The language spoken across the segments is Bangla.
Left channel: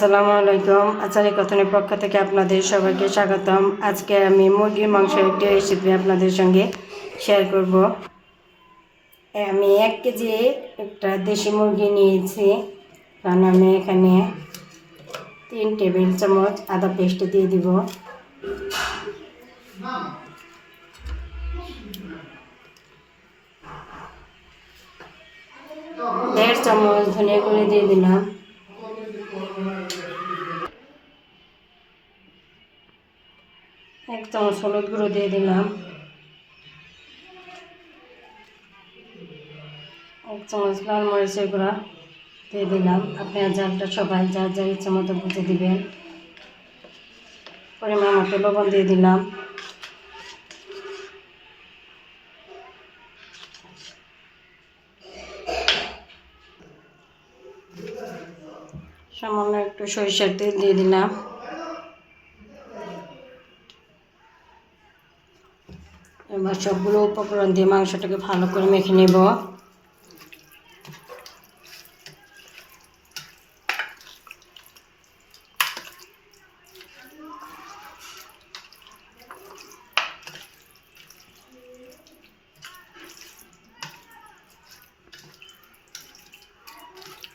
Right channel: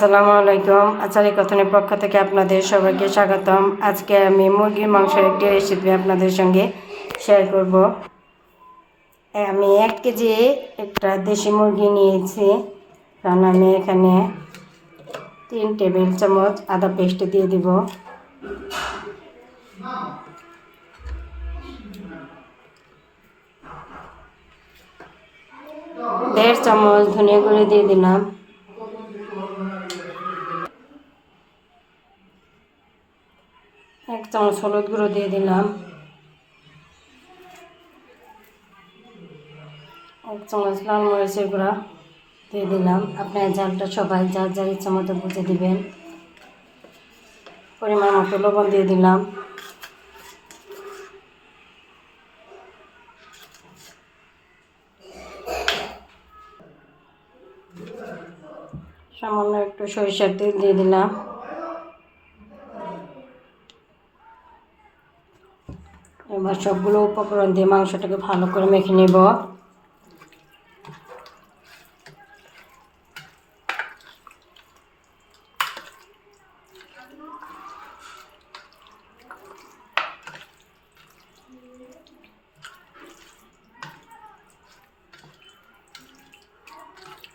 আসসালামু আলাইকুম। আচারি কথনের পক্ষ থেকে আপনাদের সবাইকে স্বাগতম। আজকে আমি মুরগির মাংসের একটি রেসিপি আপনাদের সঙ্গে শেয়ার করব। আমি 1 কেজি একটা দেশি মুরগি নিয়েছি। কারণ আমি এখানে 3 টেবিল চামচ আদা পেস্ট দিয়ে দিব, 1.5 চামচ ধনিয়া গুঁড়ো দিয়ে দিলাম, 1 চামচ হলুদ গুঁড়ো দিয়ে দিলাম, 1 চামচ লাল মরিচের গুঁড়া দিয়ে দিলাম। আপনার ঝালটা সবাই যার যার ইচ্ছা মতো বুঝে দিবেন। পরিমাণ মতো লবণ দিয়ে দিলাম। সামান্য একটু সরিষার তেল দিয়ে দিলাম। এবার সবগুলো উপকরণ দিয়ে মাংসটাকে ভালো করে মেখে নেব।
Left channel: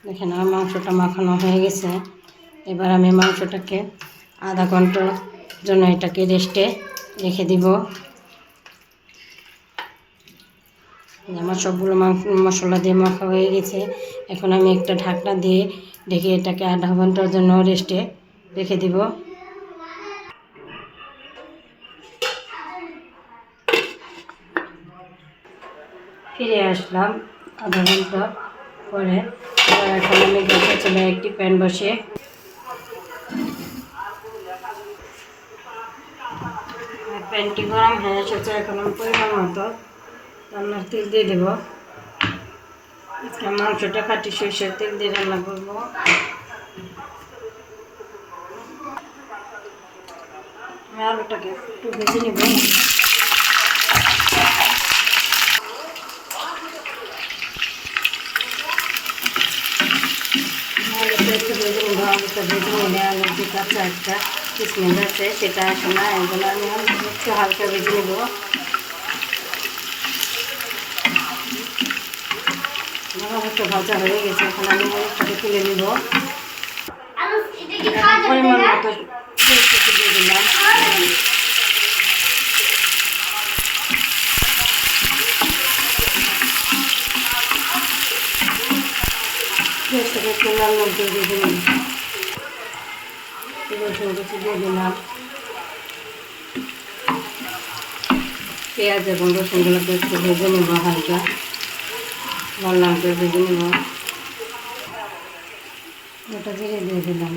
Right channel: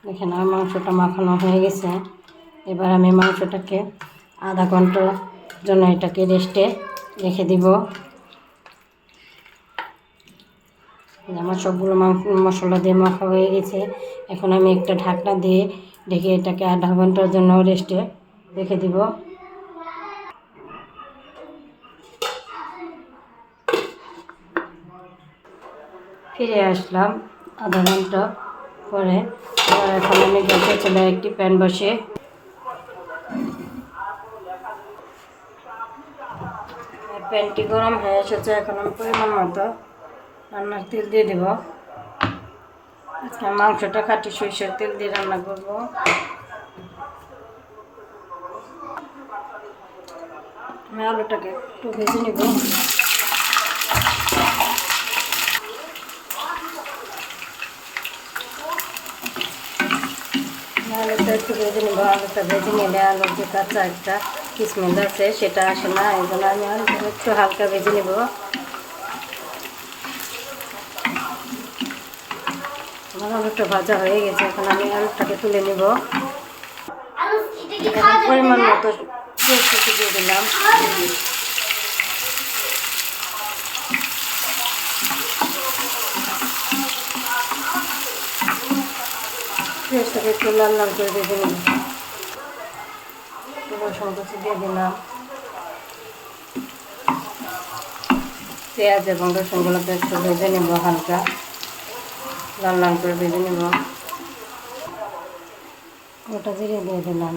দেখেন আমার মাংসটা মাখানো হয়ে গেছে। এবার আমি মাংসটাকে আধা ঘন্টার জন্য এটাকে রেস্টে রেখে দিব। আমার সবগুলো মশলা দিয়ে মাখা হয়ে গেছে। এখন আমি একটা ঢাকনা দিয়ে ঢেকে এটাকে আধা ঘন্টার জন্য রেস্টে রেখে দিব। ফিরে আসলাম আধা ঘন্টা পরে। এখন আমি গ্যাসের চুলায় একটি প্যান বসে প্যানটি গরম হয়ে এসেছে। এখন আমি পরিমাণ মতো রান্নার তেল দিয়ে দেব। আজকে মাংসটা খাঁটি সরষের তেল দিয়ে রান্না করব। আমি আলুটাকে একটু ভেজে নেব। আলুটা একটু ভেজে নেব। আলুটা ভেজে নিলে আলুর যে কাঁচা একটা স্মেল আছে সেটা আসে না। এগুলো আমি আলুটা একটু হালকা ভেজে নেব। আমার আলুটা ভাজা হয়ে গেছে। এখন আমি আলুটাকে তুলে নেব। এখন পরিমাণ মতো পেঁয়াজটাকে দিয়ে দিলাম। পেঁয়াজটাকে একটু লাল লাল করে ভেজে নেব। রসুন কুচি দিয়ে দিলাম। পেঁয়াজ এবং রসুনগুলোকে একটু ভেজে নেব, হালকা লাল লাল করে ভেজে নেব। ওটা জিরে দিয়ে দিলাম।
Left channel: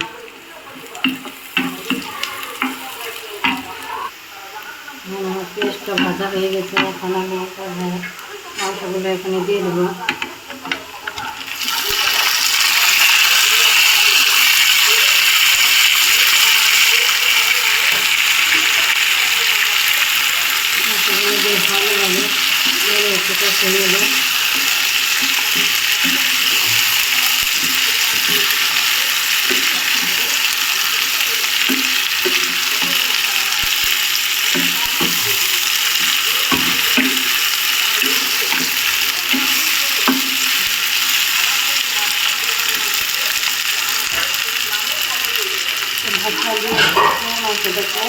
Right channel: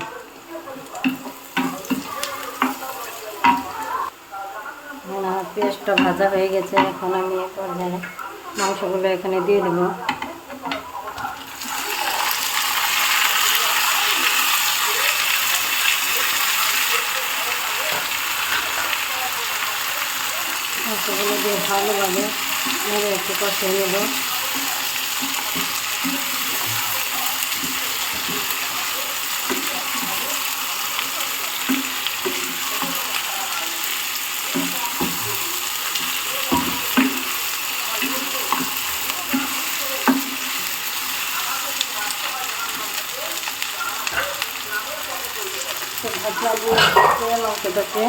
আমার পেঁয়াজটা ভাজা হয়ে গেছে। এখন আমি মাংসগুলো এখানে দিয়ে দেবো। মাংসগুলো দিয়ে ভালোভাবে নেড়ে একটু কষিয়ে নেব। মাংসটাকে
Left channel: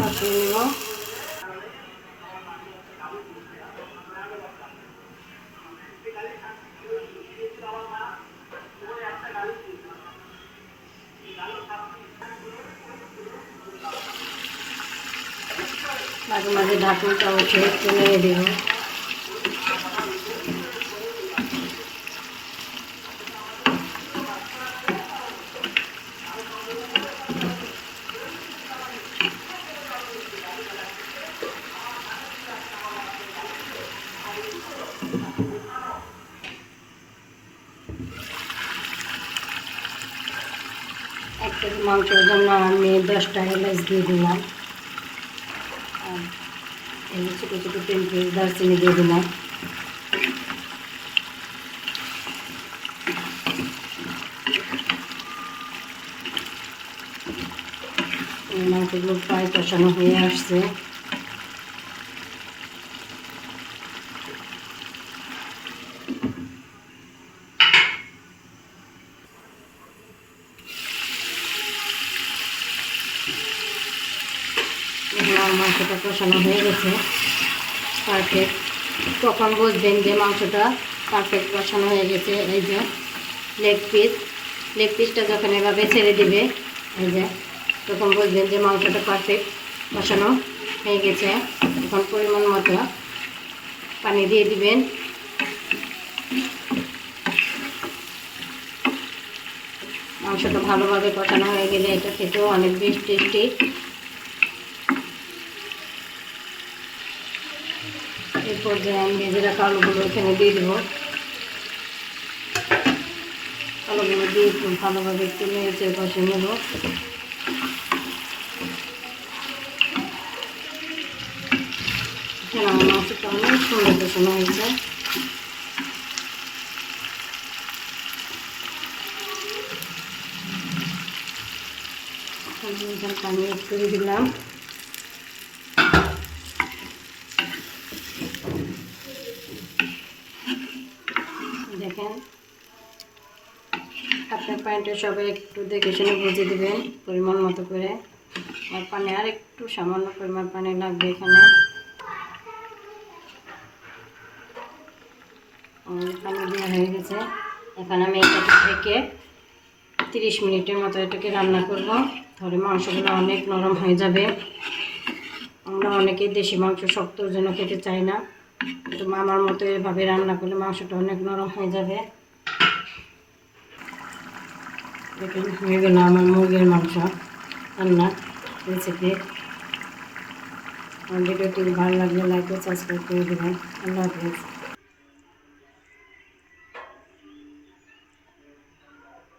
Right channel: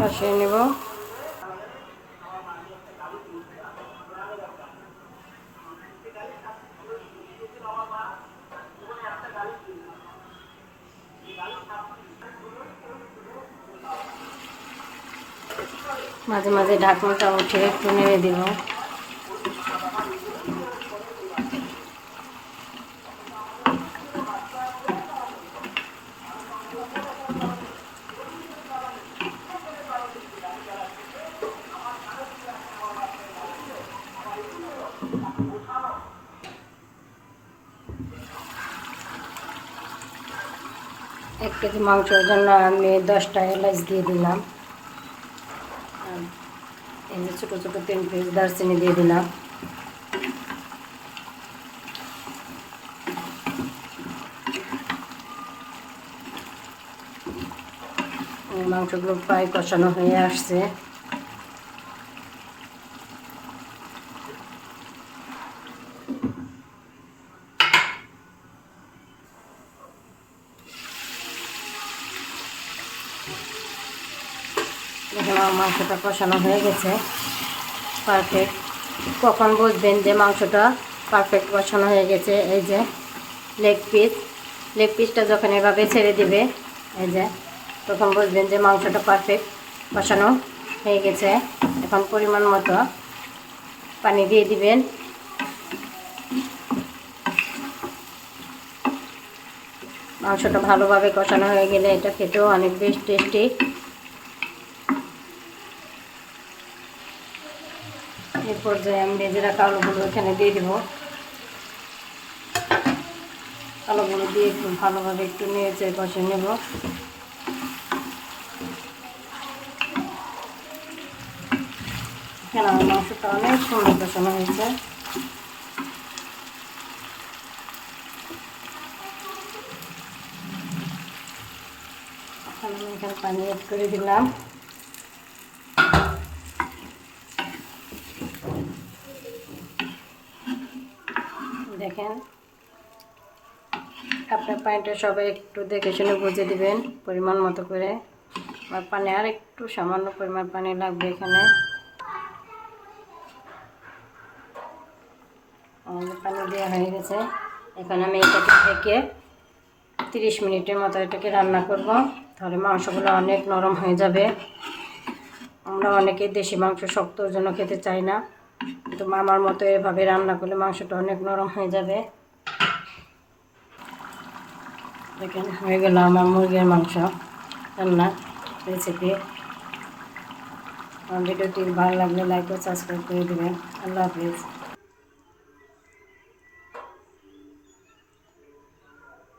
কষিয়ে নেব। মাঝে মাঝে ঢাকনাটা উঠে একটু নেড়ে দেব। এক কেজি মাংসের জন্য আমি 10টা এলাচ দিয়ে দিলাম। ছোটো ছোটো 3 পিস দারচিনি দিয়ে দিলাম। মাংসগুলো প্রায় কষানো হয়ে আসছে। এখন আমার মাংসটা কষানো হয়ে গেছে পারফেক্ট। কখন বুঝবেন যে মাংসটা পারফেক্ট কষানো হয়ে গেছে? এই যে লেগ পিসটা যখন এভাবে ছেড়ে দিবে, এই যে তখন বুঝবেন যে মাংসটা পারফেক্ট কষানো হয়ে গেছে। এখন পরিমাণ মতো পানি দিয়ে দিবেন। মাংসটা ভালোভাবে কষানো হয়ে গেলে এটা খেতেও অনেক বেশ টেস্টি। এরপর যে আমি ভেজে রাখা আলুগুলো এখানে দিয়ে দেবো। আলুগুলো দিয়ে একটু ভালোভাবে একটু নেড়ে কষে নেব। এখানে আমার মাংসটা অনেক সুন্দর কষানো হয়েছে। আমি এখানে পানি অ্যাড করে দিলাম। দেখেন, আপনার পানিটা সবাই একটু দেখে শুনে বুঝে দিবেন পরিমাণ মতো করে। আর পানি আর একটু সামান্য পরিমাণ পানি লাগবে এখানে। পানি দেওয়া হয়ে গেছে। এখন আমি এটাকে থেকে 30 মিনিটের মতো এটাকে রান্না করব। তাহলে মাংসগুলো অনেক নরম হয়ে যাবে। আমরা অনেকেই দেশি মাংস শক্তর জন্য খেতে চাই না, কিন্তু আমার মতো এভাবে রান্না করলে মাংসটা অনেক নরম হয়ে যাবে। দেখেন, হয়ে গেল আমার মুরগির মাংস রান্না রেসিপি। আমার ভিডিওটি ভালো লাগলে লাইক ও সাবস্ক্রাইব করে দেবেন। আল্লাহ হাফিজ।